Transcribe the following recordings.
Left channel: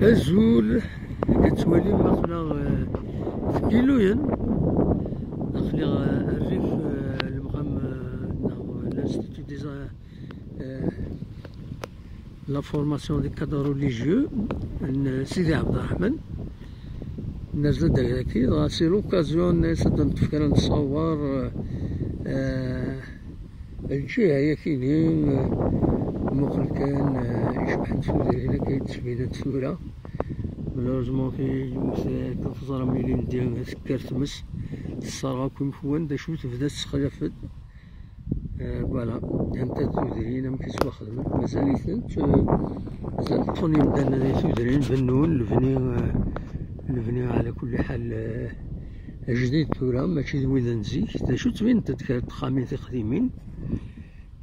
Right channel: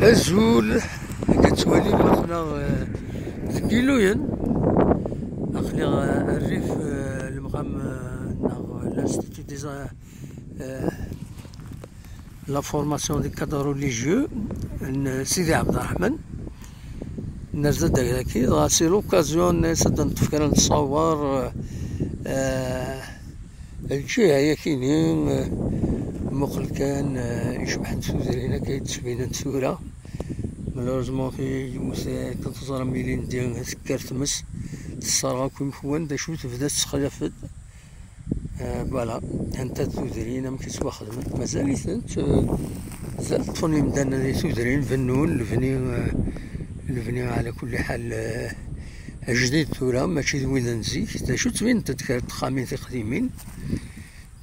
azul كتولي ماخلا ذكيلوين أخلي الريف المقام l'Institut des la formation des cadres religieux سيدي عبد الرحمن. الناس زاد هكي سي لوكازيون الناس نتفكر نتصور الجهة هي كاينين مقل كان يشبح نتفوزر هنا كيتسبين نتفورا مالوريزمون في كتزرى ميلين ديال سكر تمس الصرغة كون فوان دا شو تبدا تسخلفت فوالا هانتا تودرين مكيتوا خدمت مازاليتنت زال طفوني مدانا لي تودرين فنون الفني على كل حال جديد ثورة ماشي وين نزيك دا شو تبين تذكر تخامين قديمين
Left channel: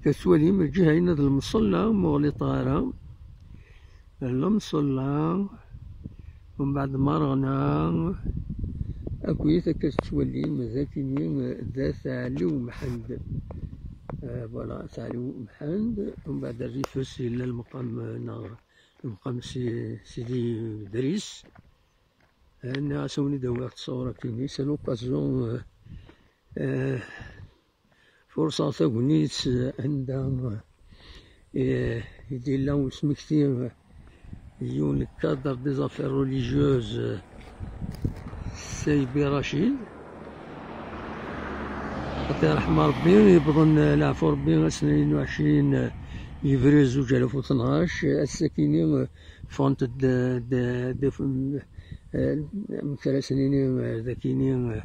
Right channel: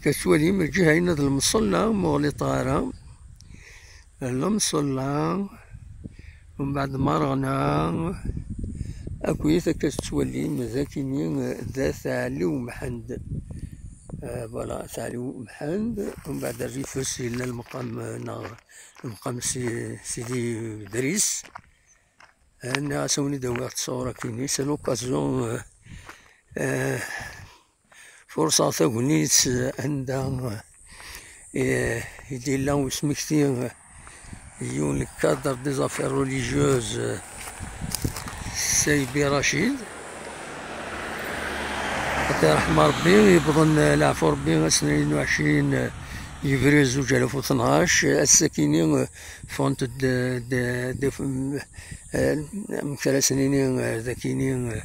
كتولي من الجهة هنا المصلى مغلي طارة المصلى ومن بعد مرغنا أكويت كتولي مزاكيني ذا ثعلي ومحند فوالا ثعلي ومحند ومن بعد الريفوس إلى المقام المقام سيدي دريس أنا سوني دوار تصورة كيني سي لوكازيون فرصة ثغنيت عندها يدير لهم سمكتي يون الكادر دي زافير ريليجيوز سيبي رشيد حتى رحمة ربي يبضن العفو ربي 22 يفري 2012 الساكنين فونت دي من 3 سنين ذاكينين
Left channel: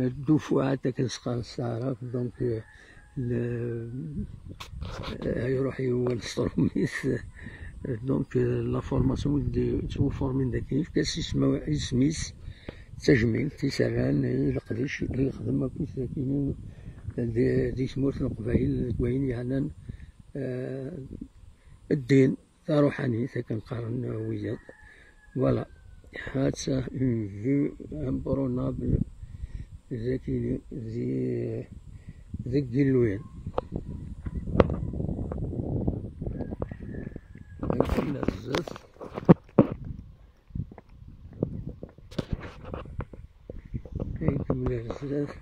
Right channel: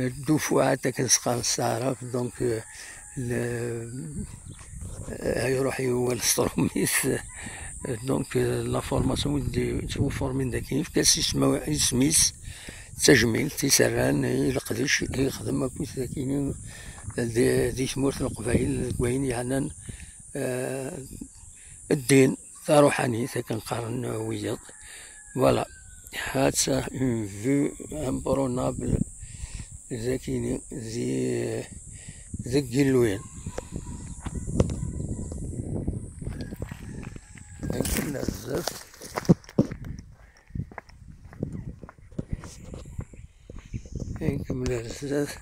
الدفعات كنسقى السعرف دونك يروح هو الستروميس دونك لا فورماسيون دي فورمين داكيف كاس سميس تجميل تيسران يلقدش يخدم كويس ذاكينين دي ثمورت القبايل كوين يعني الدين تاع روحاني كنقارن وياض فوالا هاتسا اون فيو امبرونابل ذاكيني ذي قلوين كنا بزاف نكمل بزاف